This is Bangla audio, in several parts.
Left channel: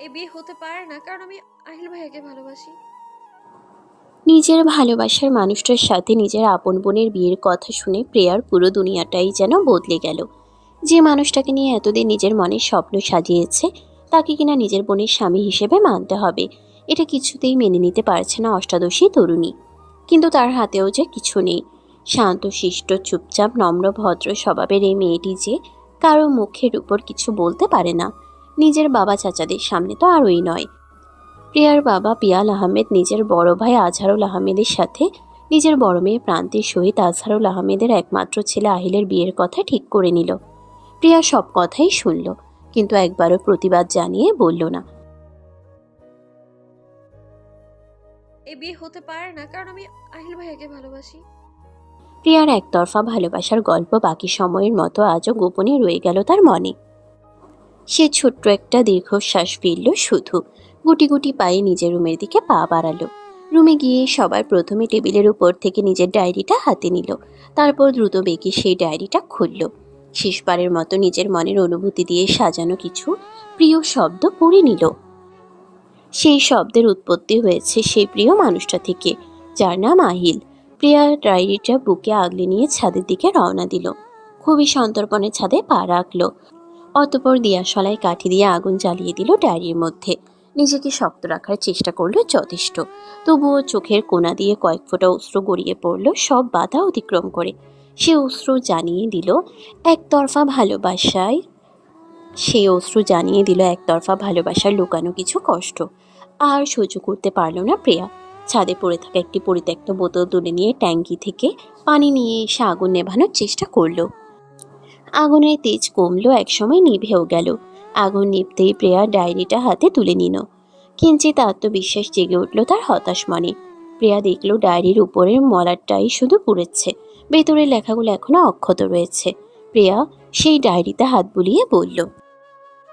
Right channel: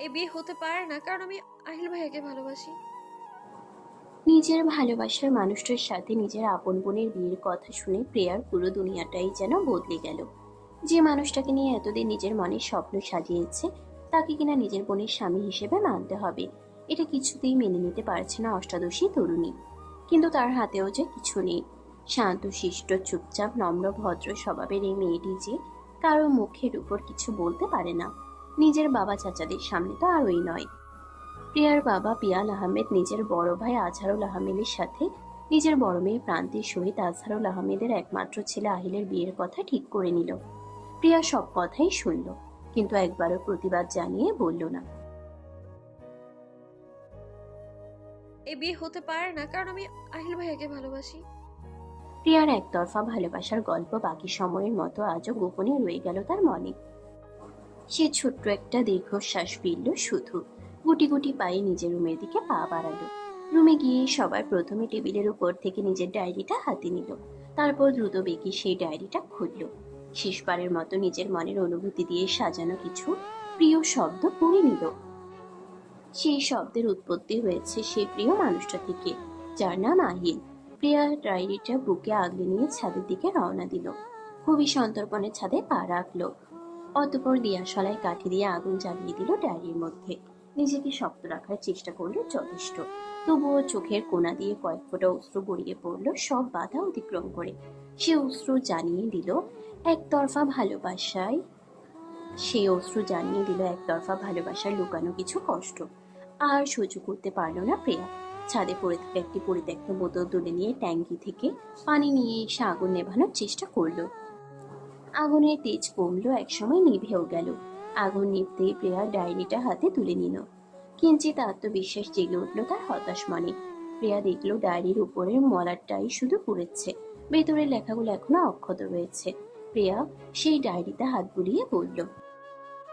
এই বিয়ে হতে পারে না, কারণ আমি আহিল ভাইয়াকে ভালোবাসি। নিজের ভালোবাসার মানুষটার সাথে নিজের আপন বোনের বিয়ের কথা শুনে প্রিয়ার পুরো দুনিয়াটাই যেন বদলে গেল। যে মানুষটাকে নিয়ে এতদিন নিজের মনের স্বপ্ন সাজিয়েছে, তাকে কিনা নিজের বোনের স্বামী হিসেবে মানতে হবে। এটা কিছুতেই মেনে নিতে পারছে না অষ্টাদশী তরুণী। কিন্তু তার হাতেও যে কিছু নেই। শান্ত, শিষ্ট, চুপচাপ, নম্র, ভদ্র স্বভাবের এই মেয়েটি যে কারও মুখের উপর কিছু বলতে পারে না। নিজের বাবা চাচাদের সামনে তো আরই নয়। প্রিয়ার বাবা পিয়াল আহমেদ নিজের বড় ভাই আজহারুল আহমেদের সাথে নিজের বড় মেয়ে প্রান্তির সহিত আজহারুল আহমেদের একমাত্র ছেলে আহিলের বিয়ের কথা ঠিক করে নিল। প্রিয়া সব কথাই শুনল কিন্তু একবারও প্রতিবাদ জানিয়ে বলল না। এই বিয়ে হতে পারে না কারণ আমি আহিল ভাইয়াকে ভালোবাসি। প্রিয়ার একতরফা ভালোবাসার গল্প বাকি সময়ের মতো আজও গোপনে রয়ে গেল তার মনে। সে ছোট্ট একটা দীর্ঘশ্বাস ফিরল শুধু। গুটি গুটি পায়ে নিজের রুমের দিকে পা বাড়ালো। রুমে গিয়ে সবার প্রথমে টেবিলের উপর থেকে নিজের ডায়েরিটা হাতে নিল। তারপর দ্রুত বেগে সেই ডায়েরিটা খুলল। শেষবারের মতো নিজের মনের অনুভূতি দিয়ে সাজানো কিছু প্রিয় শব্দ পড়ে নিল। সেই শব্দের উৎপত্তি হয়েছে সেই প্রিয় মানুষটা থেকে, যার নাম আহিল। প্রিয়া ডায়েরিটা বুকে আগলে নিয়ে ছাদের দিকে রওনা দিল। খুবই সন্তর্পণে ছাদে পা রাখল। অতপর দিয়াশলায় কাঠি দিয়ে আগুন জ্বালিয়ে দিল ডায়েরির মধ্যে। নিজেকে শক্ত রাখার চেষ্টা করল যথেষ্ট। তবুও চোখের কোনা দিয়ে কয়েক ফোঁটা অস্ত্র গড়িয়ে পড়ল সব বাধা অতিক্রম করে। সে অস্ত্র জানিয়ে দিল, একতরফা ভালোবাসায় সেই অস্ত্র জানিয়ে দিল, একতরফা ভালোবাসার লুকানো কিছু কষ্ট। আর সহ্য করতে পারল না প্রিয়া। ছাদে পড়ে থাকা একটি পরিত্যক্ত বোতল তুলে নিয়ে ট্যাঙ্কি থেকে পানি নিয়ে এসে আগুন নেভানোর চেষ্টা করল। আগুনের তেজ কমলো, একসময় নিভেও গেল। আগুন নিভতেই প্রিয়া ডায়েরিটা হাতে তুলে নিল। কিঞ্চিত আত্মবিশ্বাস জেগে উঠল তার হতাশ মনে। প্রিয়া দেখল ডায়েরির উপরের মলারটাই শুধু পুড়েছে। ভেতরের লেখাগুলো এখনও অক্ষত রয়েছে। প্রিয়া সেই ডায়েরিতে হাত বুলিয়ে বলল,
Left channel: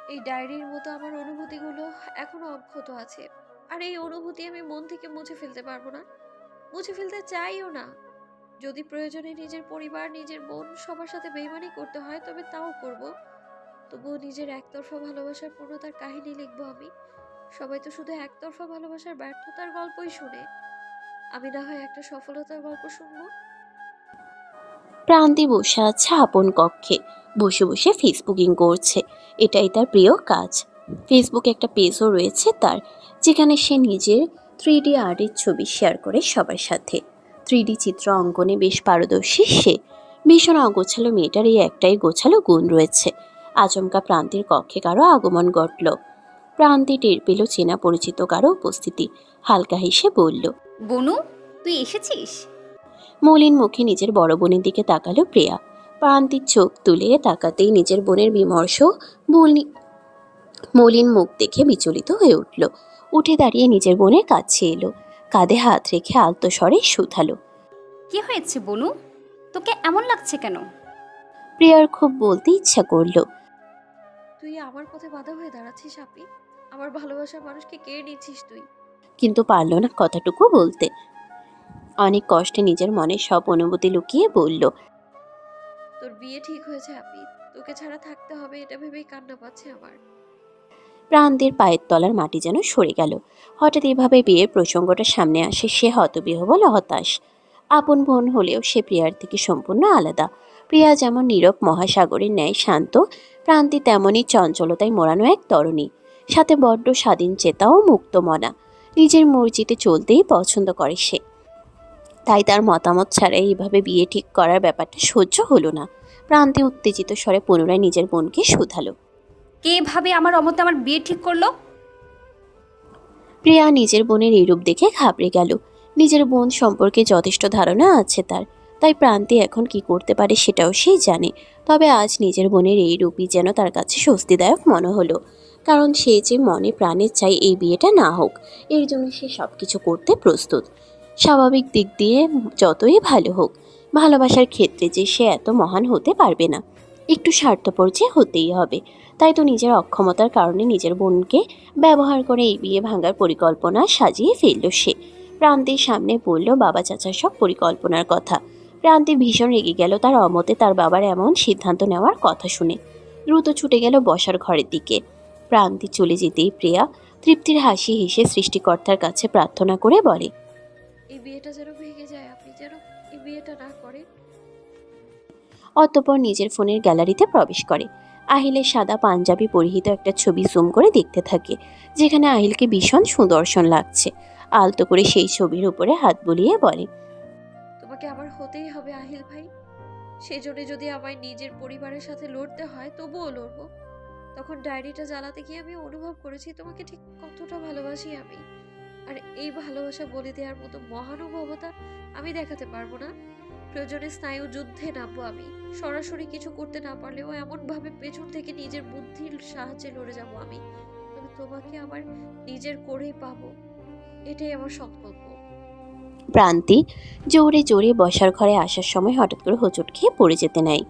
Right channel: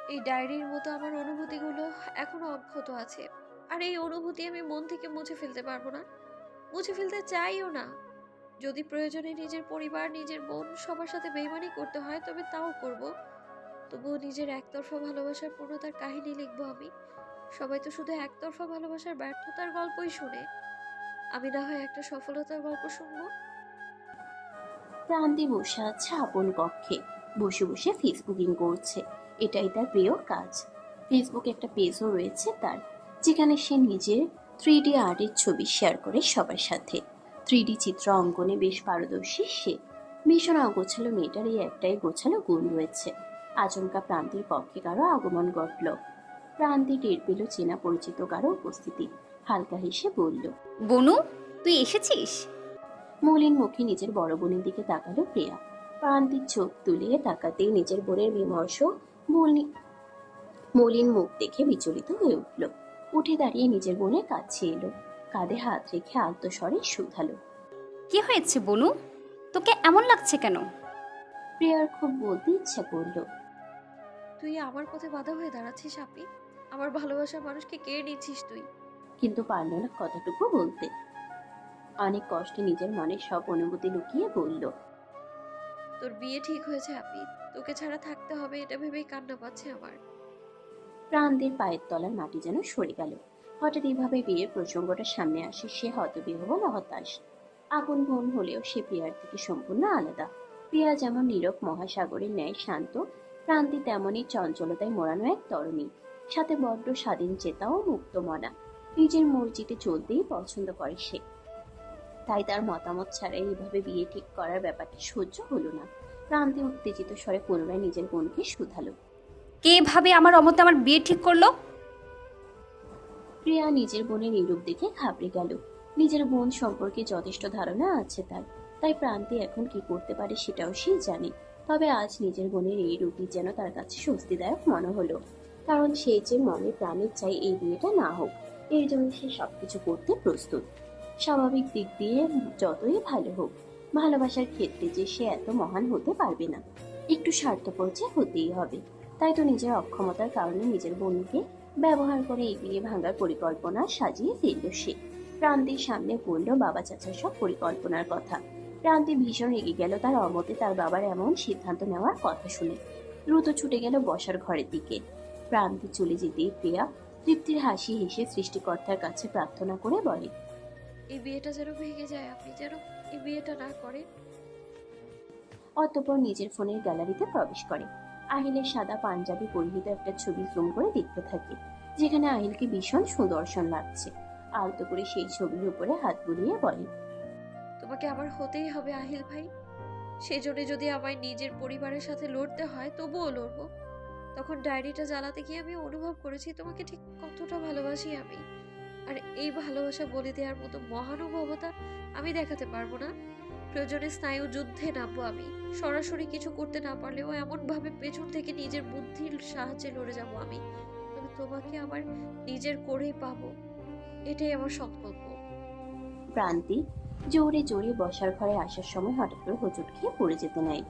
এই ডায়েরির মতো আমার অনুভূতিগুলো এখনও অক্ষত আছে। আর এই অনুভূতি আমি মন থেকে মুছে ফেলতে পারব না। মুছে ফেলতে চাইও না। যদি প্রয়োজনে নিজের পরিবার, নিজের বোন সবার সাথে বেইমানি করতে হয়, তবে তাও করব। তবুও নিজের একতরফা ভালোবাসার পূর্ণতার কাহিনী লিখব আমি। সবাই তো শুধু একতরফা ভালোবাসার ব্যর্থতার গল্পই শুনে। আমি না হয় একটা সফলতার গল্প শুনব। প্রান্তি বসে আছে আপন কক্ষে বসে বসে ফেসবুকিং করছে। এটাই তার প্রিয় কাজ। ফেসবুকে একটা পেজও রয়েছে তার, যেখানে সে নিজের থ্রি ডি আর্টের ছবি শেয়ার করে সবার সাথে। থ্রি ডি চিত্র অঙ্কনে বেশ পারদর্শী সে। ভীষণ অগোছালো মেয়েটার এই একটাই গোছালো গুণ রয়েছে। আচমকা প্রান্তির কক্ষে কারও আগমন ঘটল। প্রান্তি টের পেল চেনা পরিচিত কারও উপস্থিতি। হালকা হেসে বলল বনু তুই এসেছিস? মলিন মুখে নিজের বড় বোনের দিকে তাকালো প্রিয়া। প্রান্তির চোখ তুলে তাকাতেই নিজের বোনের বিমর্ষ মলি- মলিন মুখ দেখে বিচলিত হয়ে উঠল। উঠে দাঁড়িয়ে নিজের বোনের কাছে এলো। কাঁধে হাত রেখে আলতো স্বরে শুধালো। কি হয়েছে বনু? তোকে এমন লাগছে কেন? প্রিয়ার খুব বলতে ইচ্ছা করল। তুই আমার পথে বাধা হয়ে দাঁড়াচ্ছিস আপনি আমার ভালোবাসার মানুষকে কেড়ে নিচ্ছিস তুই? কিন্তু পারল না কথাটুকু বলতে। অনেক কষ্টে নিজের মনে সব অনুভূতি লুকিয়ে বলল তোর বিয়ে ঠিক হয়েছে আপনি তোকে ছাড়া থাকতে হবে এটা ভেবেই কান্না পাচ্ছে আমার। প্রান্তের পায়ের তলার মাটি যেন সরে গেল। হঠাৎ এভাবে বিয়ের প্রসঙ্গটা সামনে আসে সে হতবিহবল হতাশ। আপন বোন হলেও সে প্রিয়ার থেকে সম্পূর্ণ আলাদা। প্রিয়া যেমন নীরব মহাসাগরের ন্যায় শান্ত, প্রান্তি তেমনই চঞ্চলতায় মোড়ানো এক তরণী। সাথে বড্ড স্বাধীন চেতা ও মুক্ত মনা। নিজের মর্জিতে চলতেই পছন্দ করে সে। তাই তার মতামত ছাড়াই এইভাবে বিয়ে ঠিক করার ব্যাপারটা সহ্য হলো না। প্রান্তি উত্তেজিত স্বরে পুনরায় নিজের বোনকে শুধালো। কে ভাবে আমার অমতে আমার বিয়ে ঠিক করল? প্রিয়া নিজের বোনের এই রূপ দেখে ঘাবড়ে গেল। নিজের বোন সম্পর্কে যথেষ্ট ধারণা আছে তার। তাই প্রান্তি এখন কি করতে পারে সেটাও সে জানে। তবে আজ নিজের বোনের এই রূপই যেন তার কাছে স্বস্তিদায়ক মনে হলো। কারণ সে যে মনে প্রাণের চাই এই বিয়েটা না হোক, এর জন্য সে সব কিছু করতে প্রস্তুত। স্বাভাবিক দিক দিয়ে যতই ভালো হোক, ভালোবাসার ক্ষেত্রে যে সে এত মহান হতে পারবে না। একটু স্বার্থপর যে হতেই হবে। তাই তো নিজের অক্ষমতার কারণে নিজের বোনকে ব্যবহার করে এই বিয়ে ভাঙার পরিকল্পনা সাজিয়ে ফেলল সে। প্রান্তির সামনে বলল বাবা চাচার সব পরিকল্পনার কথা। প্রান্তি ভীষণ রেগে গেল তার অমতে তার বাবার এমন সিদ্ধান্ত নেওয়ার কথা শুনে। দ্রুত ছুটে গেল বসার ঘরের দিকে। প্রান্তি চলে যেতেই প্রিয়া তৃপ্তির হাসি হেসে সৃষ্টিকর্তার কাছে প্রার্থনা করে বলে এই বিয়েটা যেন ভেঙে যায় আপনি যেন এই বিয়েটা না করেন। অতঃপর নিজের ফোনের গ্যালারিতে প্রবেশ করে। আহিলের সাদা পাঞ্জাবি পরিহিত একটা ছবি জুম করে দেখতে থাকে, যেখানে আহিলকে ভীষণ সুদর্শন লাগছে। আলতো করে সেই ছবির উপরে হাত বুলিয়ে বলে, তোমাকে আমার হতেই হবে আহিল ভাই। সেজন্য যদি আমায় নিজের পরিবারের সাথে লড়তে হয়, তবুও লড়বো। তখন ডায়েরিটা জ্বালাতে গিয়ে আমি অনুভব করেছি, তোমাকে ঠিক কতটা ভালোবাসি আমি। আর এই ভালোবাসা বলে দেওয়ার মতো মহানুভবতা আমি দেখাতে পারব না। প্রয়োজনে স্নায়ু যুদ্ধে নামবো আমি। সরাসরি কিছু করতে না পারলেও এমনভাবে পেছন থেকে নিজের বুদ্ধির সাহায্যে লড়ে যাব আমি। তবে তোমাকে আমার নিজের করেই পাবো। এটাই আমার সংকল্প। প্রান্তি জোরে জোরে বসার ঘরে আসার সময় হঠাৎ করে হোঁচট খেয়ে পড়ে যেতে নেয়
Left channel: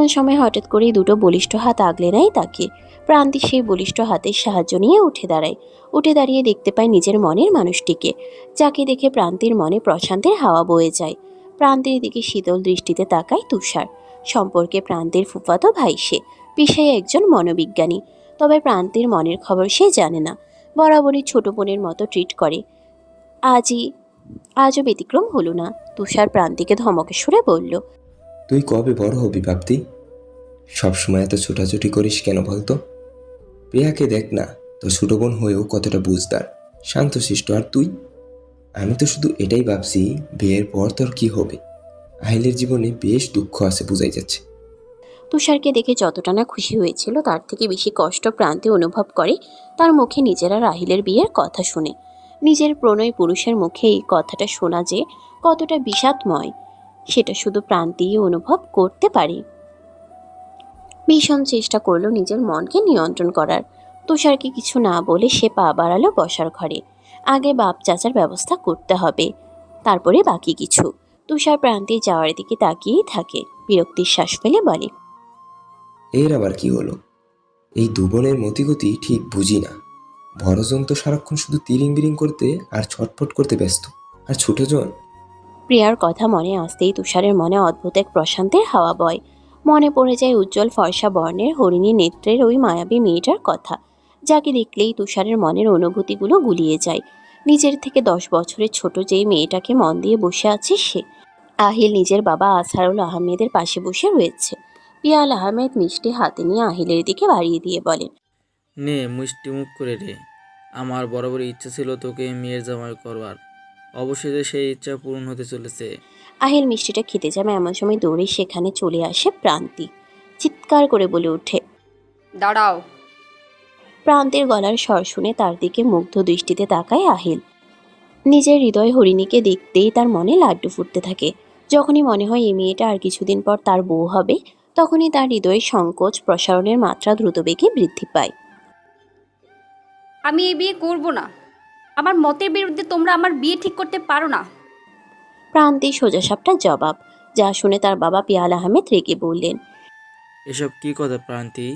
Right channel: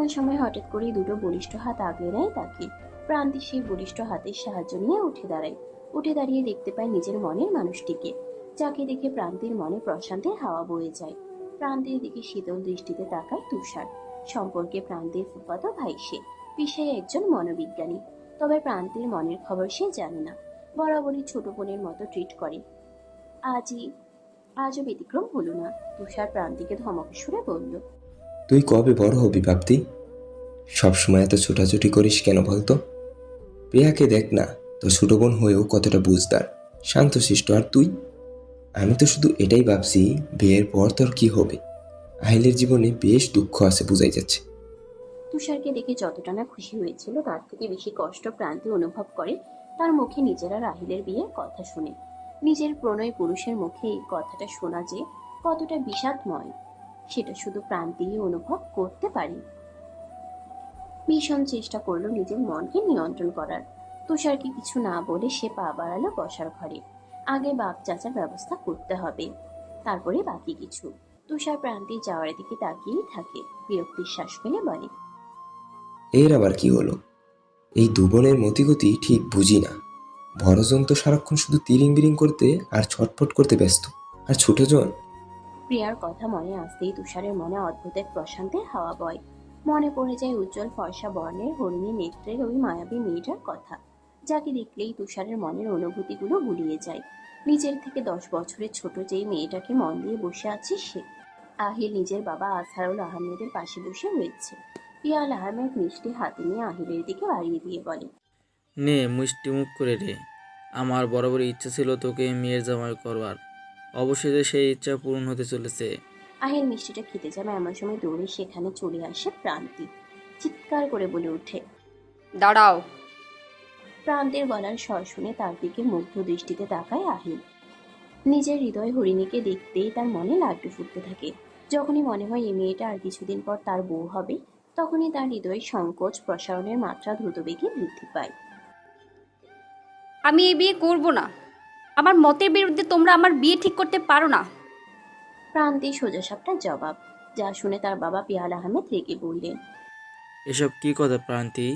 এমন সময় হঠাৎ করেই দুটো বলিষ্ঠ হাত আগলে নেয় তাকে। প্রান্তি সেই বলিষ্ঠ হাতের সাহায্য নিয়ে উঠে দাঁড়ায়। উঠে দাঁড়িয়ে দেখতে পায় নিজের মনের মানুষটিকে, যাকে দেখে প্রান্তির মনে প্রশান্তের হাওয়া বয়ে যায়। প্রান্তির দিকে শীতল দৃষ্টিতে তাকায় তুষার। সম্পর্কে প্রান্তির ফুফাতো ভাই সে, পেশায় একজন মনোবিজ্ঞানী। তবে প্রান্তির মনের খবর সে জানে না। বরাবরই ছোট বোনের মতো ট্রিট করে। আজই, আজও ব্যতিক্রম হলো না। তুষার প্রান্তিকে ধমকে সুরে বলল। তুই কবে বড় হবি ভাবতি? সবসময় এত ছোটাছুটি করিস কেন বলতো? প্রিয়াকে দেখ না, তোর ছোট বোন হয়েও কতটা বুঝদার শান্তশিষ্ট আর তুই? আমি তো শুধু এটাই ভাবছি, বিয়ের পর তোর কি হবে? আহিলের জীবনে বেশ দুঃখ আছে বোঝাই যাচ্ছে। তুষারকে দেখে যতটা না খুশি হয়েছিল, তার থেকে বেশি কষ্ট প্রান্তে অনুভব করে, তার মুখে নিজেরা রাহিলের বিয়ের কথা শুনে। নিজের প্রণয় পুরুষের মুখে এই কথাটা শোনা যে কতটা বিষাদময়। সেটা শুধু প্রান্তিই অনুভব করতে পারি। ভীষণ চেষ্টা করল নিজের মনকে নিয়ন্ত্রণ করার। তুষারকে কিছু না বলে সে পা বাড়ালো বসার ঘরে। আগে বাপ চাচার ব্যবস্থা করতে হবে। তারপরে বাকি কিছু। তুষার প্রান্তে যাওয়ার দিকে তাকিয়েই থাকে। বিরক্তির শ্বাস ফেলে বলে, এর আবার কি হলো? এই দুবনের মতিগতি ঠিক বুঝি না। বড়জন তো সারাক্ষণ শুধু তিরিং বিরিং করতে আর ছটফট করতে ব্যস্ত। আর ছোটজন প্রিয়ার কথা মনে আসতেই তুষারের মনে অদ্ভুত এক প্রশান্তের হাওয়া বয়। মনে পড়ে যায় উজ্জ্বল ফর্সা বর্ণের হরিণী নেত্রের ওই মায়াবী মেয়েটার কথা, যাকে দেখলেই তুষারের মনের অনুভূতিগুলো গুলিয়ে যায়। নিজের থেকে দশ বছরের ছোট যেই মেয়েটাকে মন দিয়ে বসে আছে সে, আহিল নিজের বাবা আসারুল আহমেদের পাশে বসে রয়েছে। পিয়াল আহমেদ মিষ্টি হাতে নিয়ে আহিলের দিকে বাড়িয়ে দিয়ে বলেন নে মিষ্টি মুখ করে রে আমার বরাবর ইচ্ছা ছিল তোকে মেয়ের জামাই করবার। অবশেষে সেই ইচ্ছা পূরণ হতে চলেছে। আহিল মিষ্টিটা খেতে যাবে এমন সময় দৌড়ে সেখানে চলে আসে প্রান্তি। চিৎকার করে বলে ওঠে দাঁড়াও। প্রান্তের গলার স্বর শুনে তার দিকে মুগ্ধ দৃষ্টিতে তাকায় আহিল। নিজের হৃদয় হরিণীকে দেখতেই তার মনে লাড্ডু ফুটতে থাকে। যখনই মনে হয় এই মেয়েটা আর কিছুদিন পর তার বউ হবে তখনই তার হৃদয়ের সংকোচ প্রসারণের মাত্রা দ্রুতবেগে বৃদ্ধি পায়। আমি এই বিয়ে করব না। আমার মতের বিরুদ্ধে তোমরা আমার বিয়ে ঠিক করতে পারো না। প্রান্তে সোজাসাপটা জবাব যা শুনে তার বাবা পিয়াল আহমেদ রেগে বললেন এসব কি কথা প্রান্তি?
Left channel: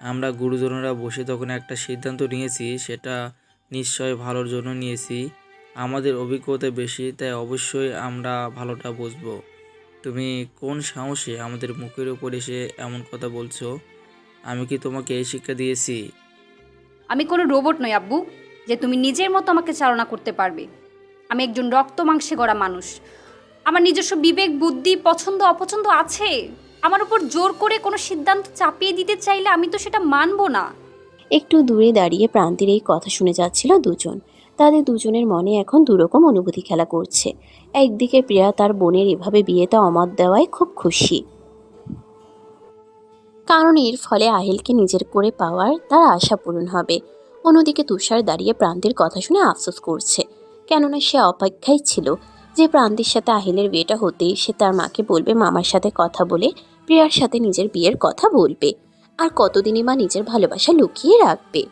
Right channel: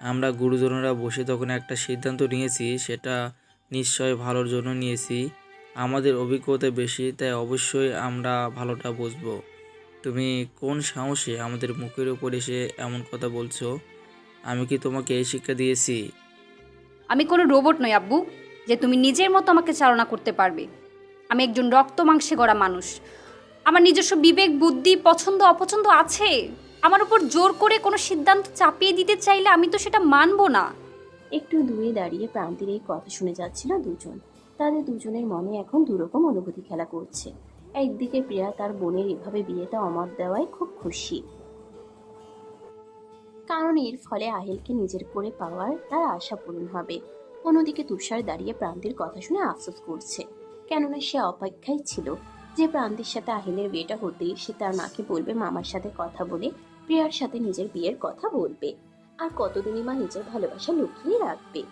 আমরা গুরুজনরা বসে তখন একটা সিদ্ধান্ত নিয়েছি সেটা নিশ্চয় ভালোর জন্য নিয়েছি। আমাদের অভিজ্ঞতা বেশি তাই অবশ্যই আমরা ভালোটা বুঝব। তুমি কোন সাহসে আমাদের মুখের উপর এসে এমন কথা বলছো? আমি কি তোমাকে এই শিক্ষা দিয়েছি? আমি কোনো রোবট নই আব্বু। যে তুমি নিজের মতো আমাকে চালনা করতে পারবে। আমি একজন রক্ত মাংসে গড়া মানুষ। আমার নিজস্ব বিবেক, বুদ্ধি, পছন্দ, অপছন্দ আছে। আমার উপর জোর করে কোনো সিদ্ধান্ত চাপিয়ে দিতে চাইলে আমি তো সেটা মানব না। একটু দূরে দাঁড়িয়ে প্রান্তির এই কথা শুনে যাচ্ছিল দুজন। তাদের দুজনের মনে এখন দুরকম অনুভূতি খেলা করছে। একদিকে প্রিয়া তার বোনের এভাবে বিয়েতে অমত দেওয়ায় খুব খুশি। কারণ এর ফলে আহিলকে নিজের করে পাওয়ার তার আশা পূরণ হবে। অন্যদিকে তুষার দাঁড়িয়ে প্রান্তির কথা শুনে আফসোস করছে। কেননা সে অপেক্ষায় ছিল যে প্রান্তির সাথে আহিলের বিয়েটা হতেই সে তার মাকে বলবে মামার সাথে কথা বলে প্রিয়ার সাথে নিজের বিয়ের কথা বলবে। আর কতদিনই মা নিজের ভালোবাসা লুকিয়ে রাখবে?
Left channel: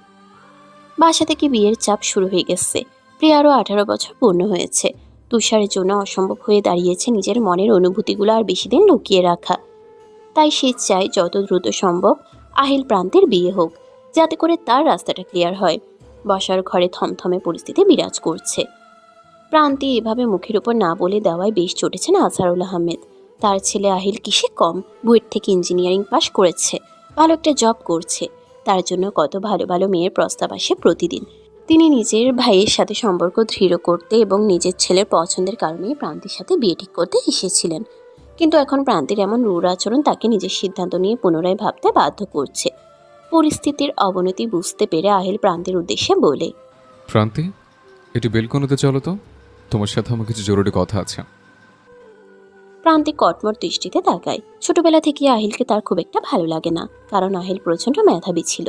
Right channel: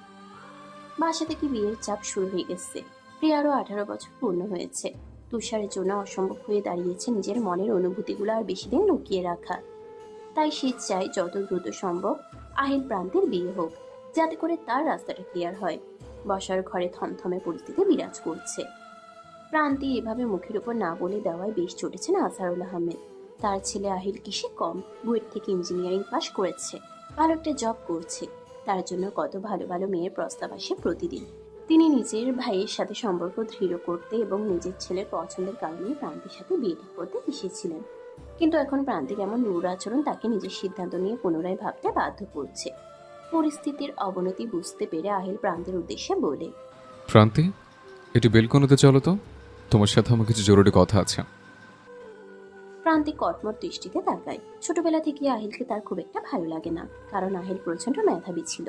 বাসা থেকে বিয়ের চাপ শুরু হয়ে গেছে। প্রিয়ারও আঠারো বছর পূর্ণ হয়েছে। তুষারের জন্য অসম্ভব হয়ে দাঁড়িয়েছে নিজের মনের অনুভূতিগুলো আর বেশি দিন লুকিয়ে রাখা। তাই সে চায় যত দ্রুত সম্ভব আহিল প্রান্তের বিয়ে হোক। যাতে করে তার রাস্তাটা ক্লিয়ার হয়। বসার ঘরে থমথমে পরিস্থিতি বিরাজ করছে। প্রান্তি এভাবে মুখের উপর না বলে দেওয়ায় বেশ চটেছেন আজহারুল আহমেদ। তার ছেলে আহিল কিসে কম? বুয়েট থেকে ইঞ্জিনিয়ারিং পাশ করেছে। ভালো একটা জব করছে। তার জন্য কত ভালো ভালো মেয়ের প্রস্তাব আসে প্রতিদিন। তিনি নিজের ভাইয়ের সাথে সম্পর্ক দৃঢ় করতে এবং নিজের ছেলের পছন্দের কারণে প্রান্তির সাথে বিয়ে ঠিক করতে এসেছিলেন। কিন্তু এখন প্রান্তির এমন রূঢ় আচরণ তাকে নিজের সিদ্ধান্ত নিয়ে পুনরায় ভাবতে বাধ্য করছে। পরিস্থিতির অবনতি বুঝতে পেরে আহিল প্রান্তের উদ্দেশ্যে বলে প্রান্তি একটু বেলকনিতে চলো তো। তোমার সাথে আমার কিছু জরুরি কথা আছে। প্রান্তিক কটমট দৃষ্টিতে তাকায়। ছোটবেলা থেকে আহিলকে তার খুব একটা ভালো লাগে না কারণ আহিল প্রচণ্ড মেধাবী ছিল।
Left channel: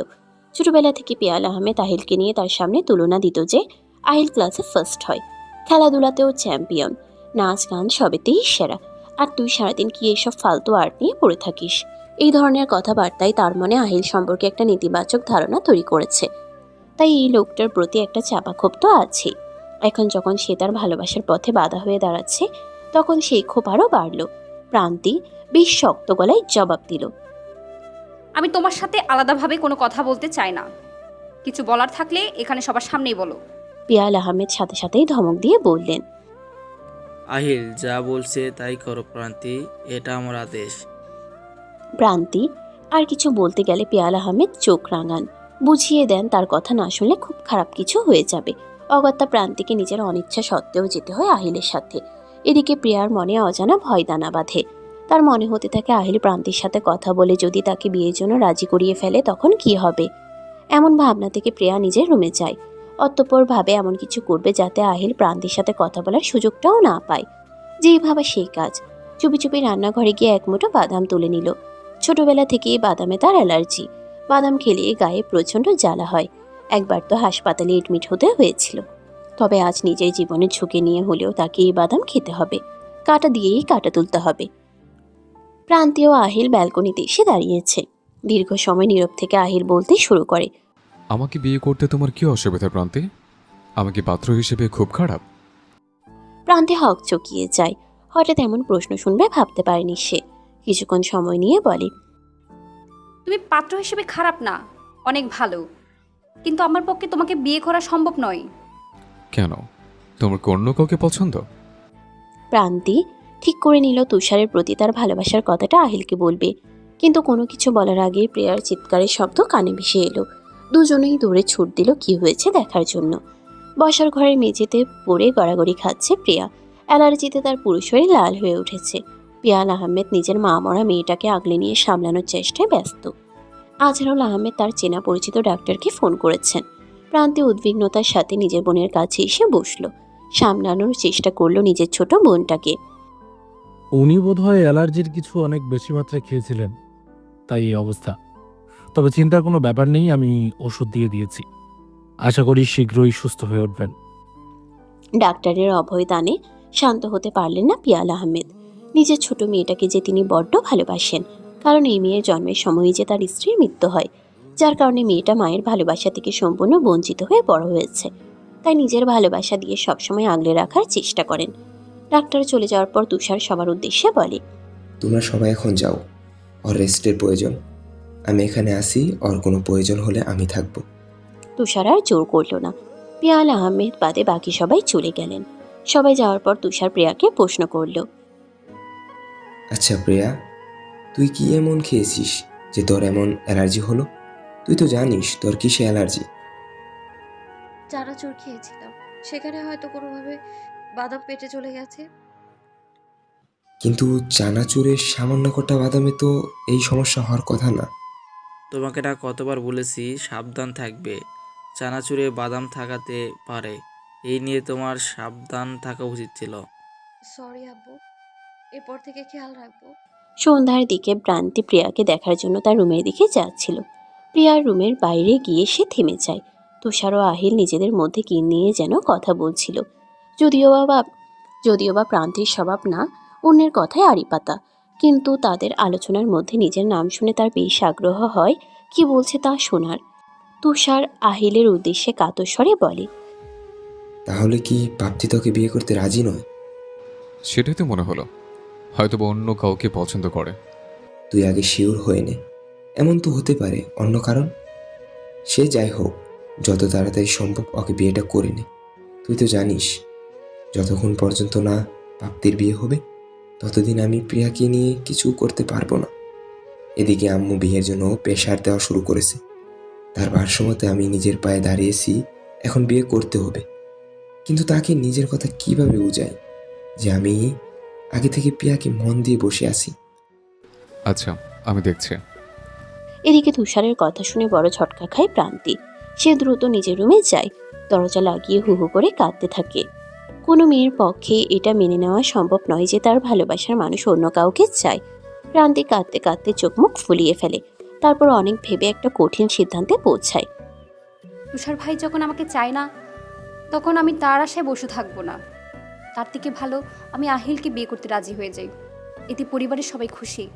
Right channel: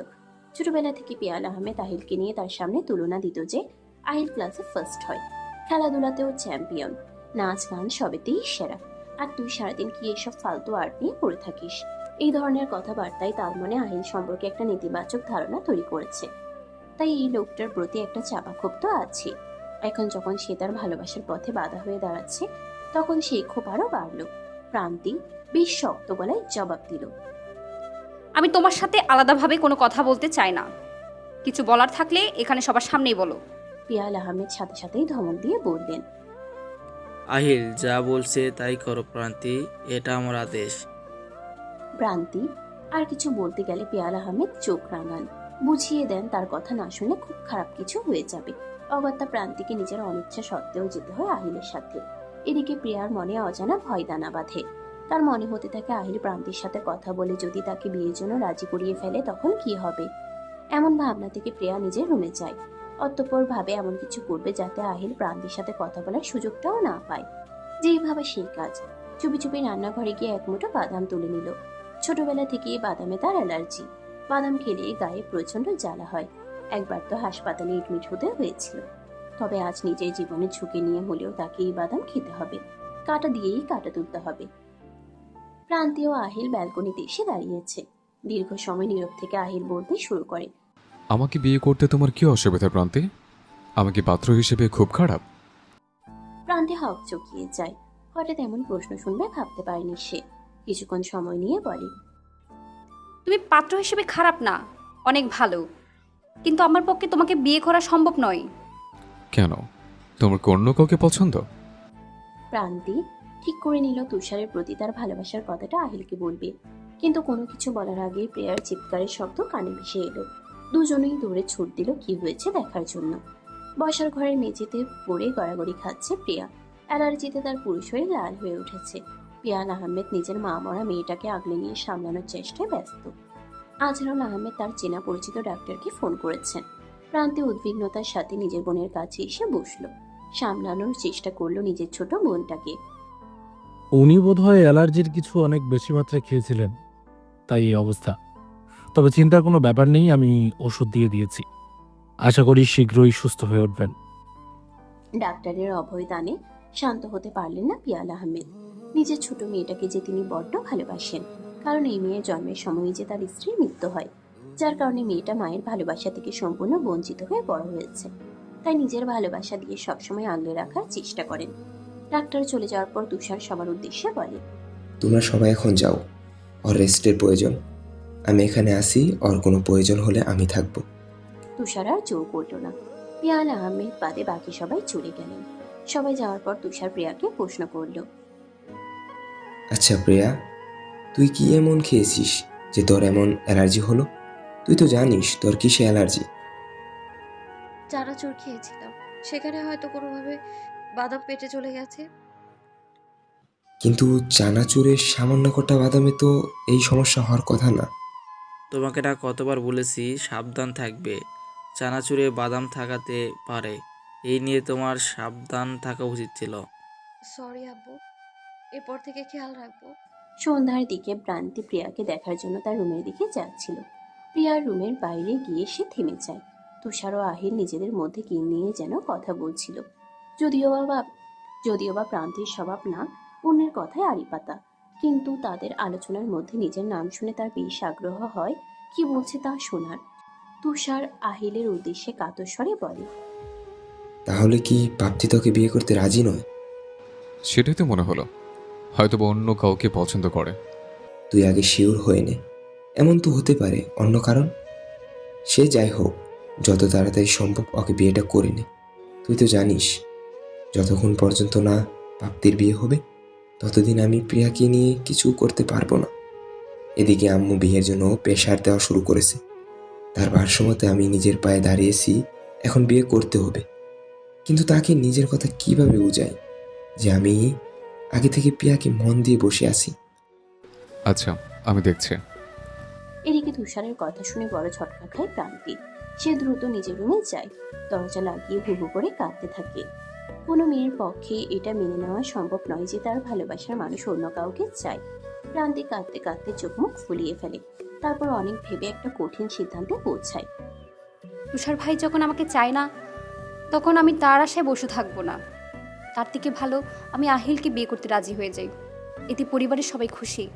ছোটবেলা থেকে পিয়াল আহমেদ আহিলকে নিয়ে তার সামনে তুলনা দিত যে আহিল ক্লাসে ফার্স্ট হয় খেলাধুলাতেও চ্যাম্পিয়ন নাচ গান সবেতেই সেরা। আর তুই সারাদিন কি এইসব ফালতু আর্ট নিয়ে পড়ে থাকিস? এই ধরনের কথাবার্তায় তার মনে আহিল সম্পর্কে একটা নেতিবাচক ধারণা তৈরি করেছে। তাই এই লোকটার প্রতি একটা চাপা ক্ষোভ তো আছেই। এখন যখন সে তার ভালোবাসার পথে বাধা হয়ে দাঁড়াচ্ছে তখন সেই ক্ষোভ আরও বাড়ল। প্রান্তি বেশ শক্ত গলায় জবাব দিল। আমি তোমার সাথে আলাদাভাবে কোনো কথা বলতে চাই না। কিছু বলার থাকলে এখানে সবার সামনেই বলো। পিয়াল আহমেদ সাথে সাথেই ধমক দিয়ে বললেন আহিল যা বলছে তাই করো প্রান্তি এটা আমার আদেশ। প্রান্তি আর কিছু বলতে গেলে পেয়াল আহমেদ চোখ রাঙান। বুঝিয়ে দেন তার কথা না শুনলে খুব খারাপ কিছু হয়ে যাবে। অগত্যা প্রান্তিকে নিজের অনিচ্ছা সত্ত্বেও যেতে হয় আহিলের সাথে। এদিকে প্রিয়ার মনে অজানা ভয় দানা বাঁধে। তার মনে হতে থাকে আহিল প্রান্তির সাথে কথা বলে যদি তাকে বিয়ের জন্য রাজি করিয়ে ফেলে তখন কি হবে? এমন ভাবনা থেকে প্রিয়া নিজের রুমে যায়। অতঃপর ভাবে এমন কিছু করবে যাতে আহিল প্রান্তির সাথে কথা বলার সুযোগটাও না পায়। যেই ভাবে সেই কাজ। চুপি চুপি রান্নাঘরে গিয়ে এক মুঠো বাদাম তুলে নিল। ছোটবেলা থেকেই বাদামে তার অ্যালার্জি। বাদাম খেলে গায়ে প্রচণ্ড জ্বালা হয়। একবার তো হাসপাতালে এডমিট হতে হয়েছিল। তবে আজ নিজের জীবনের ঝুঁকি নিয়ে হলেও তাকে এই বাদাম খেতে হবে। কাটা দিয়েই কাটা তুলতে হবে। প্রান্তীয় আহিল ব্যালকনিতে এসে দাঁড়িয়েছে। দীর্ঘ সময় নীরব থেকে আহিল বলতে শুরু করে। আমাকে বিয়ে করতে তোমার কি অসুবিধা প্রান্তি? আমাকে পাত্র হিসেবে খুব খারাপ। প্রান্তে হক চকিয়ে যায়। হঠাৎ এমন প্রশ্ন শুনবে ভাবতে পারেনি সে। কিছুক্ষণ সময় নিয়ে বলে তুমি পাত্র হিসেবে খারাপ না অনেক ভালো। কিন্তু আমার পক্ষে তোমাকে বিয়ে করা সম্ভব নয়। কেন? তোমার কি অন্য কাউকে পছন্দ? প্রান্তি ঠিক করে নিল তুষারের প্রতি তার ভালোবাসার কথাটা আহিলকে বলবে। কিন্তু কোনো কিছু বলার আগে প্রিয়ার চিৎকারের শব্দ কানে ভেসে এলো। দুজনেই দৌড়ে ছুট দিল কি হয়েছে দেখার জন্য। বসার ঘরের মেঝেতে পড়ে গড়াগড়ি খাচ্ছে প্রিয়া। অ্যালার্জিতে তার পুরো শরীর লাল হয়ে উঠেছে। পিয়াল আহমেদ নিজের মা মরা মেয়েটাকে আগলে নিয়ে সামলানোর চেষ্টায় ব্যস্ত। আজহারুল আহমেদ তার চেনা পরিচিত ডাক্তারকে ফোন করেছেন। প্রান্তে উদ্বিগ্নতার সাথে নিজের বোনের কাছে এসে বসল। সামলানোর চেষ্টা করল নিজের ছোট বোনটাকে। উনি বোধহয় অ্যালার্জির কিছু অনেক বেশি মাত্রায় খেয়েছিলেন। তাই এই অবস্থা। তবে চিন্তার কোনো ব্যাপার নেই আমি ওষুধ দিয়ে দিয়েছি। আশা করি শীঘ্রই সুস্থ হয়ে উঠবেন। ডাক্তারের অভয়দানে শান্ত হতে পারলেন না পিয়াল আহমেদ। নিজের ছোট মেয়েটাকে যে তিনি বড্ড ভালোবাসেন কারণ এই মেয়ের জন্মের সময়ই যে তার স্ত্রীর মৃত্যু হয় যার কারণে মেয়েটা মায়ের ভালোবাসা থেকে সম্পূর্ণ বঞ্চিত হয়ে বড় হয়েছে। তাই নিজের ভালোবাসা দিয়ে সবসময় আগলে রাখার চেষ্টা করেন। ডাক্তার চলে যাওয়ার পর তুষার সবার উদ্দেশ্যে বলে তোমরা সবাই এখন যাও ওর রেস্টের প্রয়োজন। আমি এখানে আসি ওর কোনো প্রয়োজন হলে আমি থাকব। তুষার আর জোর করল না। পিয়াল আহমেদ বাদে বাকি সবাই চলে গেলেন। সবাই যাওয়ার পর তুষার প্রিয়াকে প্রশ্ন করল আচ্ছা প্রিয়া তুই কি এমন খেয়েছিস যে তোর এমন অ্যালার্জি হলো? তুই তো জানিস তোর কিসে অ্যালার্জি। চানাচুর খেয়েছিলাম। সেখানে হয়তো কোনোভাবে বাদাম পেটে চলে গেছে। কিন্তু চানাচুরের সামান্য কটা বাদামে তো এই সমস্যা হওয়ার কথা না। তোমাকে না কতবার বলেছি সাবধান থাকবে। চানাচুরে বাদাম থাকাতে পারে। এই নিয়ে তোমার সাবধান থাকা উচিত ছিল। সরি আব্বু এরপর থেকে খেয়াল রাখব। সন্ধ্যার দিকে প্রান্তি প্রিয়াকে দেখার জন্য তার রুমের দিকে যাচ্ছিল। প্রিয়ার রুমের বাইরে গিয়ে সে থেমে যায়। তুষার ও আহিল নিজেদের মধ্যে কি নিয়ে যেন কথা বলছিল। যদিও বা যদিও বা প্রান্তির স্বভাব না অন্যের কথায় আড়ি পাতা কিন্তু তাদের আলোচনার মধ্যে নিজের নাম শুনে তার বেশ আগ্রহ হয় কি বলছে তা শোনার। তুষার আহিলের উদ্দেশ্যে কাতস্বরে বলে তাহলে কি পাপ্তি তোকে বিয়ে করতে রাজি নয়? সেটাই তো মনে হলো। হয়তো বা অন্য কাউকে পছন্দ করে। তুই আগে শিওর হয়ে নে। এমন তো হতে পারে, অন্য কারণ? সে যাই হোক, যত তাড়াতাড়ি সম্ভব ওকে বিয়েটা করে নে। তুই তো জানিস, যতক্ষণ পর্যন্ত না প্রাপ্তির বিয়ে হবে, ততদিন আমি প্রিয়াকে নিয়ে কিছু করতে পারব না। এদিকে আম্মু বিয়ের জন্য প্রেশার দেওয়া শুরু করেছে। তার ভারসাম্যতে আমি নিজের পায়ে দাঁড়িয়েছি, এখন বিয়ে করতে হবে। কিন্তু তাকে নিজের কথা কীভাবে বুঝাই? যে আমি আগে থেকে পিয়াকে মন দিয়ে বসে আছি। আচ্ছা আমি দেখছি। এদিকে তুষারের কথা শুনে বড় ঝটকা খায় প্রান্তি। সে দ্রুত নিজের রুমে যায়। দরজা লাগিয়ে হু হু করে কাঁদতে থাকে। কোনো মেয়ের পক্ষে এটা মেনে নেওয়া সম্ভব নয় যে তার ভালোবাসার মানুষ অন্য কাউকে চায়। প্রান্তি কাঁদতে কাঁদতে চোখ মুখ ফুলিয়ে ফেলে। তারপর অনেক ভেবে একটা কঠিন সিদ্ধান্তে পৌঁছায়। তুষার ভাই যখন আমাকে চায় না তখন আমি তার আশায় বসে থাকব না। তার থেকে ভালো আমি আহিলকে বিয়ে করতে রাজি হয়ে যাই। এতে পরিবারের সবাই খুশি।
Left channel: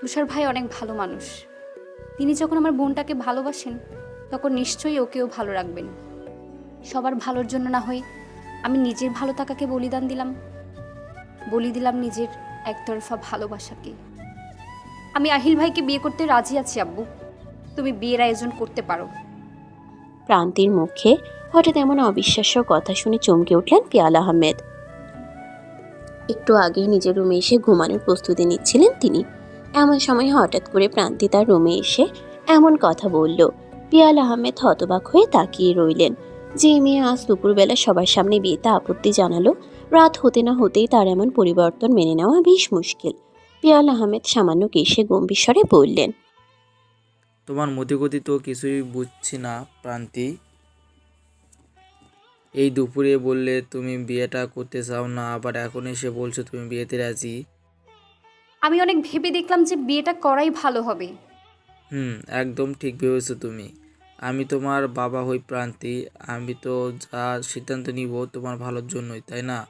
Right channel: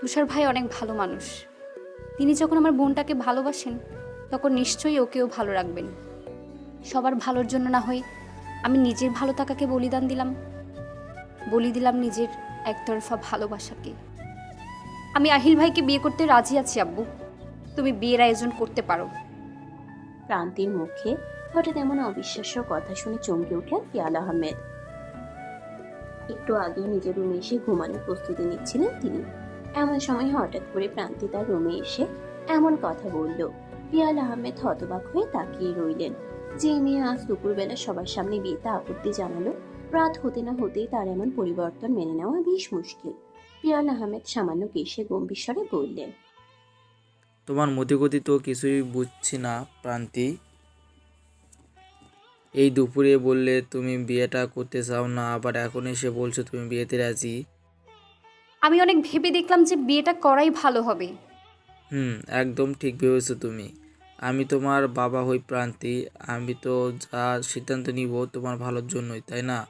তুষার ভাই অনেক ভালো মানুষ। তিনি যখন আমার বোনটাকে ভালোবাসেন, তখন নিশ্চয়ই ওকেও ভালো রাখবেন। সবার ভালোর জন্য না হয় আমি নিজের ভালো থাকাকে বলিদান দিলাম। বলি দিলাম নিজের একতরফা ভালোবাসাকে। আমি আহিল ভাইকে বিয়ে করতে রাজি আছি, আব্বু। তুমি বিয়ের আয়োজন করতে পারো। প্রান্তির মুখে হঠাৎ এমন অবিশ্বাস্য কথা শুনে চমকে উঠলেন পিয়াল আহমেদ। একটু আগেই নিজের রুমে এসে ঘুমানোর প্রস্তুতি নিচ্ছিলেন তিনি। এমন সময় হঠাৎ করে প্রান্তি তার রুমে এসে এমন কথা বলল। পিয়াল আহমেদ হতবাক হয়ে তাকিয়ে রইলেন। যে মেয়ে আজ দুপুরবেলা সবার সামনে বিয়েতে আপত্তি জানালো, রাত হতে না হতেই তার এমন পরিবর্তন মেনে নেওয়া বেশ মুশকিল। পিয়াল আহমেদ সামান্য কেশে গম্ভীর স্বরে বললেন, তোমার মতিগতি তো কিছুই বুঝছি না, প্রান্তি। এই দুপুরে বললে তুমি বিয়েটা করতে চাও না আবার এখন এসে বলছো তুমি বিয়েতে রাজি? আমি অনেক ভেবে দেখলাম যে বিয়েটা করাই ভালো হবে। হুম একদম ঠিক ভেবেছো তুমি। আমি তোমার বাবা হই প্রান্তি আমি তো যা সিদ্ধান্ত নিব তোমার ভালোর জন্যই তাই না?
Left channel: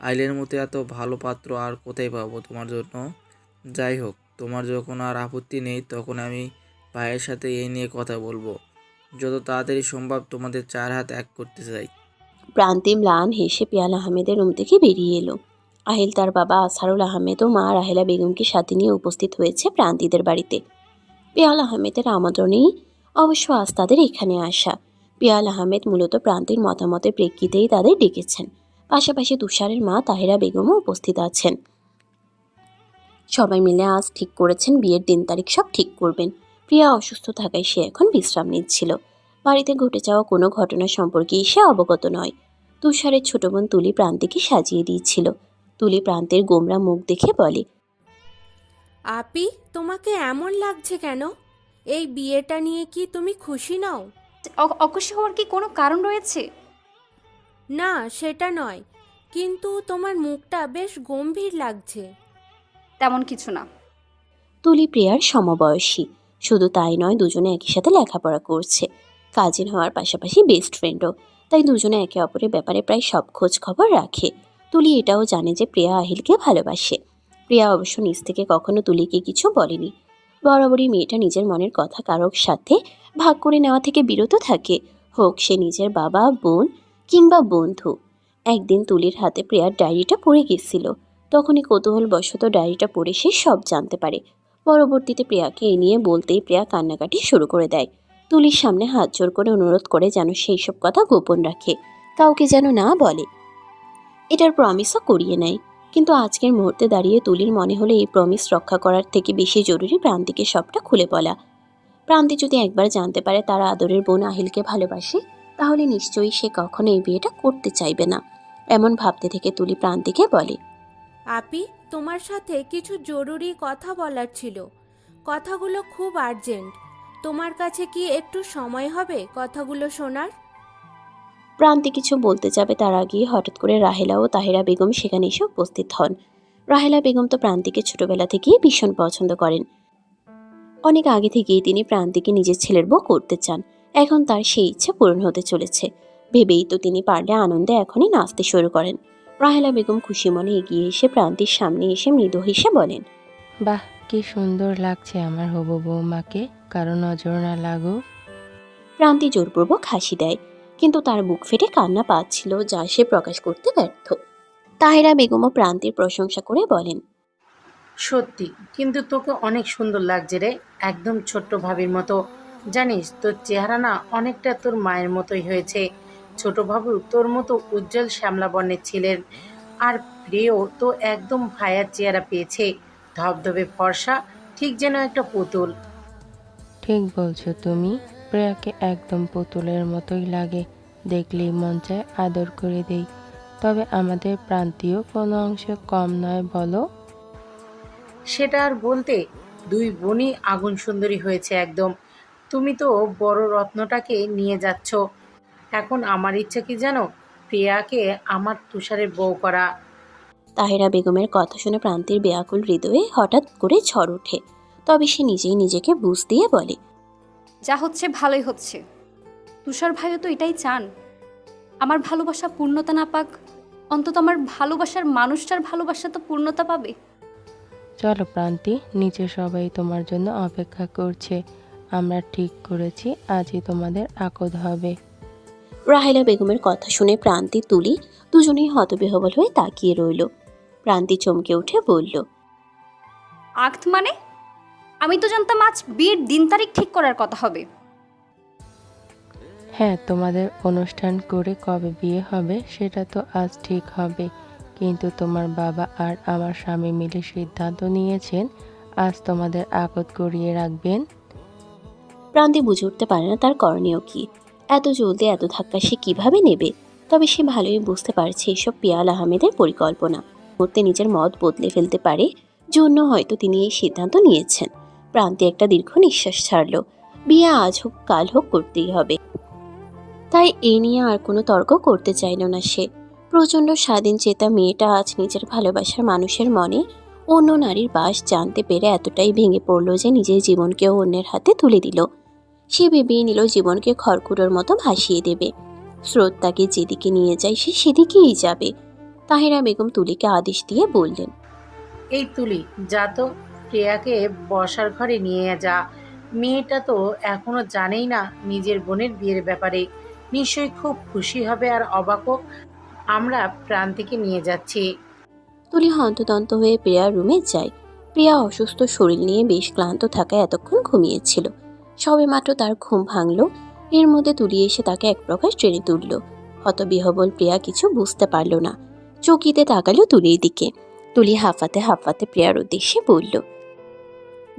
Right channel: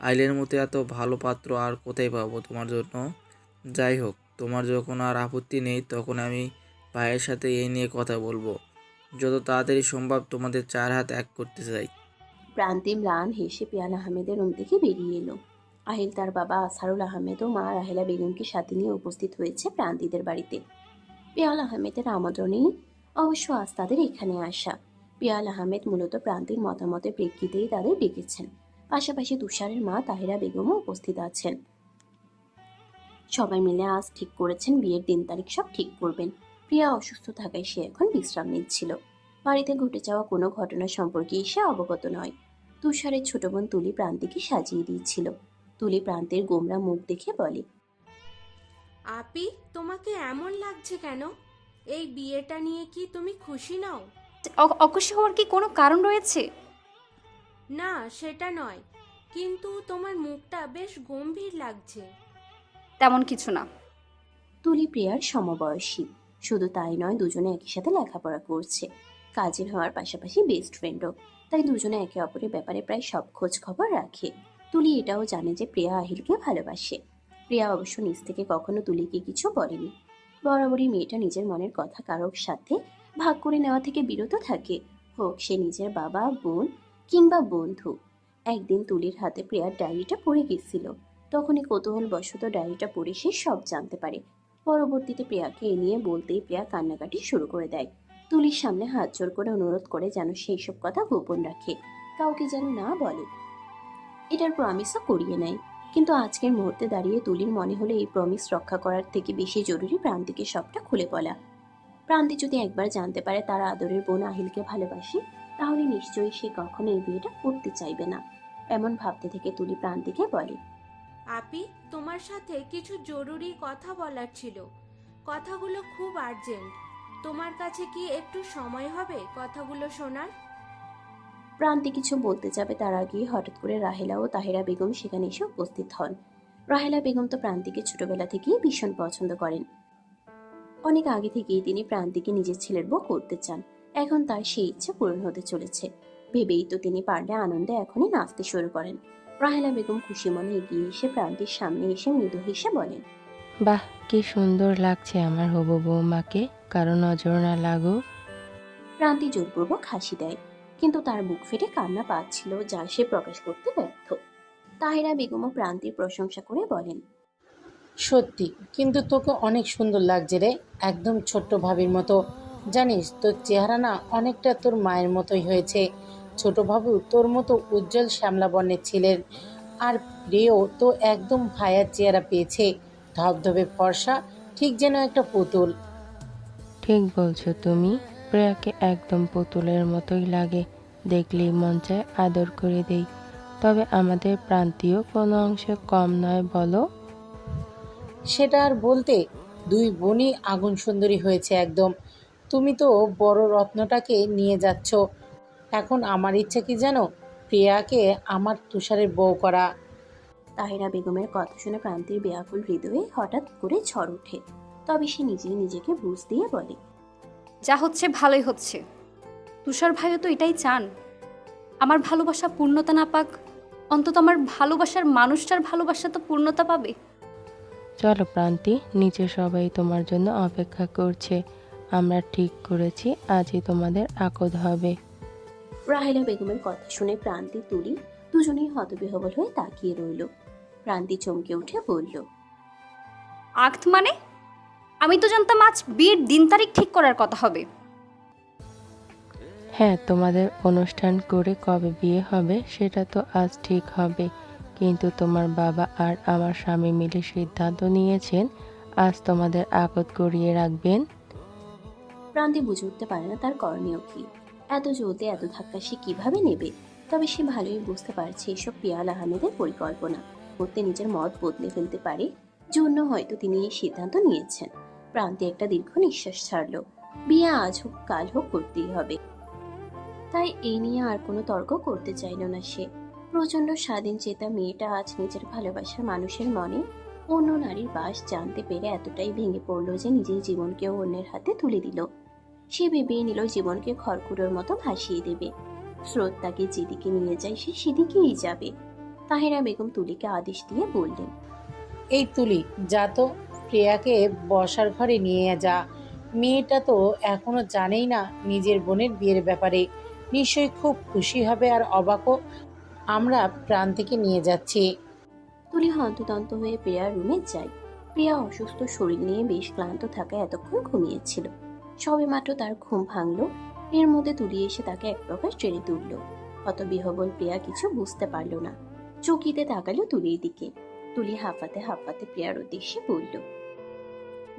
আইলের মতো এত ভালো পাত্র আর কোথায় পাবো তোমার জন্য? যাই হোক তোমার যখন আর আপত্তি নেই তখন আমি ভাইয়ের সাথে এই নিয়ে কথা বলব। যত তাড়াতাড়ি সম্ভব তোমাদের চার হাত এক করতে চাই। প্রান্তিম লান হেসে পিয়াল আহমেদের রুম থেকে বেরিয়ে এলো। আহিল তার বাবা আসারুল আহমেদ ও মা রাহেলা বেগমকে সাথে নিয়ে উপস্থিত হয়েছে প্রান্তিদের বাড়িতে। পিয়াল আহমেদের আমন্ত্রণেই অবশ্য আজ তাদের এখানে আসা। পিয়াল আহমেদ মূলত প্রান্তির মতামতের প্রেক্ষিতেই তাদের ডেকেছেন। পাশাপাশি তুষারের মা তাহেরা বেগমও উপস্থিত আছেন। সবাই মিলে আজ ঠিক করেছেন বিয়ের দিন তারিখ সব ঠিক করবেন। প্রিয়া অসুস্থ থাকায় সে এখন বিশ্রাম নিচ্ছিল। বাড়িতে ঘটে যাওয়া কোনো ঘটনা সম্পর্কে সে অবগত নয়। তুষারের ছোট বোন তুলি প্রান্তিকে সাজিয়ে দিয়েছিল তুলি প্রান্তের গোমরা মুখ দেখে বলে আপি তোমাকে এমন লাগছে কেন? এই বিয়েটা নিয়ে কি তুমি খুশি নও? অ- অখুশি হওয়ার কি কোনো কারণ রয়েছে? না সেটা নয়। কিন্তু তোমার মুখটা বেশ গম্ভীর লাগছে। তেমন কিছু না। তুলি প্রিয়ার সমবয়সী। শুধু তাই নয় দুজনে একই সাথে লেখাপড়া করছে। কাজিন হওয়ার পাশাপাশি বেস্ট ফ্রেন্ডও তাই দুজনে একে অপরের ব্যাপারে প্রায় সব খোঁজ খবর রাখে। তুলি এটাও জানে যে প্রিয়া আহিলকে ভালোবাসে। প্রিয়া অবশ্য নিজ থেকে কখনো তুলিকে কিছু বলেনি। বরাবরই মেয়েটা নিজের মনের কথা কারোর সাথে ভাগ করে নেওয়া থেকে বিরত থাকে। হোক সে নিজের বাবা, বোন কিংবা বন্ধু। একদিন তুলির হাতে প্রিয়ার ডায়েরিটা পড়ে গেছিল। তখনই কৌতূহলবশত ডায়েরিটা পড়ে সে সব জানতে পারে। পরবর্তীতে প্রিয়াকে এ নিয়ে বলতেই প্রিয়া কান্নাকাটি শুরু করে দেয়। তুলির সামনে হাত জোর করে অনুরোধ করে যেন সেই সব কথা গোপন রাখে। কাউকে যেন না বলে। এটার প্রমিসও করিয়ে নেয়। কিন্তু আজকের মুহূর্তে দাঁড়িয়ে তুলির মনে হলো এই প্রমিস রক্ষা করার থেকে বেশি জরুরি প্রান্তিকে সবটা খুলে বলা। প্রান্তি যদি একবার জানতে পারে তার আদরের বোন আহিলকে ভালোবাসে, তাহলে নিশ্চয়ই সে কখনো এই বিয়েটা করতে চাইবে না, এমন ভাবতে থেকে তুলি প্রান্তিকে বলে। আপি, তোমার সাথে কিছু জরুরি কথা বলার ছিল। কথাগুলো খুব আর্জেন্ট তোমার কাছে কি একটু সময় হবে কথাগুলো শোনার? প্রান্তি কিছু বলতে যাবে তার আগেই হঠাৎ করে রাহেলা ও তাহেরা বেগম সেখানে এসে উপস্থিত হন। রাহেলা বেগম তো প্রান্তিকে ছোটবেলা থেকেই ভীষণ পছন্দ করেন। অনেক আগে থেকেই তিনি প্রান্তিকে নিজের ছেলের বউ করতে চান। এখন তার সেই ইচ্ছা পূরণ হতে চলেছে। ভেবেই তো তিনি পারলে আনন্দে এখনই নাচতে শুরু করেন। রাহেলা বেগম খুশি মনে এগিয়ে এসে প্রান্তির সামনে এসে মৃদু হেসে বলেন বাহ কি সুন্দর লাগছে আমার হবু বৌমাকে কারও নজর না লাগুক। প্রান্তি জোরপূর্বক হাসি দেয় কিন্তু তার বুক ফেটে কান্না পাচ্ছিল যা সে প্রকাশ করতে ব্যর্থ। তাহেরা বেগমও প্রান্তির প্রশংসা করে বলেন সত্যি কিন্তু তোকে অনেক সুন্দর লাগছে রে একদম ছোট্ট ভাবির মতো। জানিস তোর চেহারা না অনেকটা তোর মায়ের মতোই হয়েছে। ছোট বাবু তোর মতো উজ্জ্বল শ্যামলা বর্ণের ছেলের আর প্রিয় তো একদম ভায়ার চেহারা পেয়েছে। ধবধবে ফর্সা ঠিক যেন একটা পুতুল। ঠিক বলছো তুমি প্রিয়াকে একদম পুতুলের মতোই লাগে দেখলেই মন চায় আদর করে দেই। তবে আমাদের প্রান্তীয় কোনো অংশে কম নয় বলো। সেটা আর বলতে দুই বোনই আগুন সুন্দরী হয়েছে একদম। তুমি তো বড় রত্নটাকে নিয়ে যাচ্ছ। এখন আমার ইচ্ছা কি জানো? প্রিয়াকে আমার তুষারের বউ করা। তাহেরা বেগমের কথা শুনে প্রান্তির বেয়াকুল হৃদয়ে হঠাৎ করে ঝড় ওঠে। তবে সে নিজেই নিজেকে বুঝ দিয়ে বলে যা হচ্ছে ভালোই হচ্ছে। তুষার ভাইও তো এটাই চান। আমার ভালোবাসা পূর্ণতা না পাক অন্তত আমার ভালোবাসার মানুষটার ভালোবাসা তো পূর্ণতা পাবে। চলো প্রান্তি নিচে সবাই তোমার জন্য অপেক্ষা করছে। আমরা ঠিক করেছি আজই তোমাদের আকদ হবে। রাহেলা বেগমের কথা শুনে প্রান্তি তুলি দুজনেই হতবিহবল হয়ে তাকিয়ে রইল। প্রান্তি চমকে উঠে বলল আক্ত মানে? আমি তো জানতাম আজ বিয়ের দিন তারিখ ঠিক করার কথা হবে। হ্যাঁ তোমাদের অনুষ্ঠান করে কবে বিয়ে হবে সেটা তো আজ ঠিক হবে। কিন্তু তোমার বাবা আর আমার স্বামী মিলে সিদ্ধান্ত নিয়েছেন আজ তোমাদের আকদ করিয়ে রাখবেন। প্রান্তি বুঝে উঠতে পারে না তার করণীয় কি। এত জলদি এত ধাক্কা সে কীভাবে নেবে? তবে সে ভালোই বুঝতে পারছে এসব পিয়াল আহমেদের পরিকল্পনা। করতে নিজের মত বদলে ফেলতে পারে, জন্য হয়তো তিনি এই সিদ্ধান্ত নিয়েছেন। প্রান্তে একটা দীর্ঘ নিঃশ্বাস ছাড়ল। বিয়ে আজ হোক, কাল হোক করতেই হবে। তাই এই নিয়ে আর কোনো তর্ক করতে চাইল না সে। প্রচণ্ড স্বাধীন চেতা মেয়েটা আজ নিজের ভালোবাসার মানুষের মনে অন্য নারীর বাস জানতে পেরে এতটাই ভেঙে পড়ল যে নিজের জীবনকেও অন্যের হাতে তুলে দিল। সে ভেবেই নিল জীবনকে খড়কুটোর মতো ভাসিয়ে দেবে। স্রোত তাকে যেদিকে নিয়ে যায়, সে সেদিকেই যাবে। তাহেরা বেগম তুলিকে আদেশ দিয়ে বললেন এই তুলি যা তো প্রিয়াকে বসার ঘরে নিয়ে যা। মেয়েটা তো এখনও জানেই না নিজের বোনের বিয়ের ব্যাপারে। নিশ্চয়ই খুব খুশি হবে আর অবাকও আমরা প্রাণ থেকে নিয়ে যাচ্ছি। তুলি হন্তদন্ত হয়ে প্রিয়ার রুমে যায়। প্রিয়া অসুস্থ শরীর নিয়ে বেশ ক্লান্ত থাকায় এতক্ষণ ঘুমিয়েছিল। সবেমাত্র তার ঘুম ভাঙল। এর মধ্যে তুলি এসে তাকে এক প্রকার টেনে তুলল। হতবিহবল প্রিয়া কিছু বুঝতে পারল না। চকিতে তাকালো তুলির দিকে। তুলি হাফাতে হাফাতে প্রিয়ার উদ্দেশ্যে বলল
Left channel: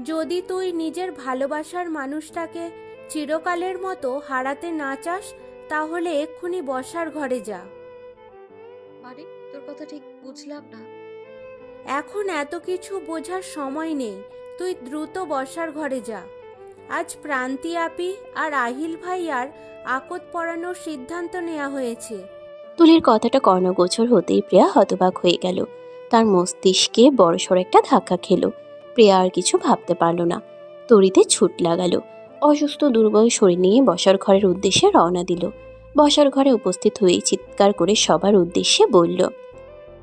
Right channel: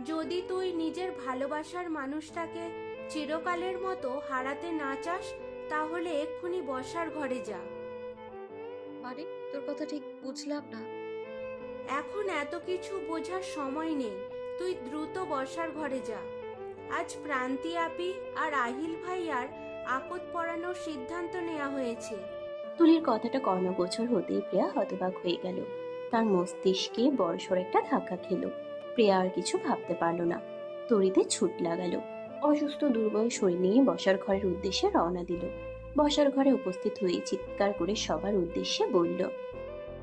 যদি তুই নিজের ভালোবাসার মানুষটাকে চিরকালের মতো হারাতে না চাস তাহলে এক্ষুনি বসার ঘরে যা। মানে তোর কথা ঠিক বুঝলাম না। এখন এত কিছু বোঝার সময় নেই তুই দ্রুত বসার ঘরে যা। আজ প্রান্তি আপি আর আহিল ভাইয়ার আকত পড়ানোর সিদ্ধান্ত নেওয়া হয়েছে। তুলির কথাটা কর্ণগোচর হতেই প্রিয়া হতবাক হয়ে গেল। তার মস্তিষ্কে বড়সড় একটা ধাক্কা খেলো। প্রিয়া আর কিছু ভাবতে পারল না। তরিতে ছুট লাগালো। অসুস্থ দুর্বল শরীর নিয়ে বসার ঘরের উদ্দেশ্যে রওনা দিল। বসার ঘরে উপস্থিত হয়ে চিৎকার করে সবার উদ্দেশ্যে বলল,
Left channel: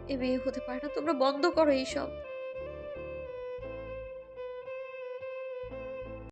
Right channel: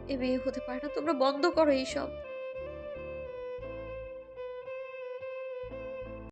এ বিয়ে হতে পারে না, তোমরা বন্ধ করো এইসব।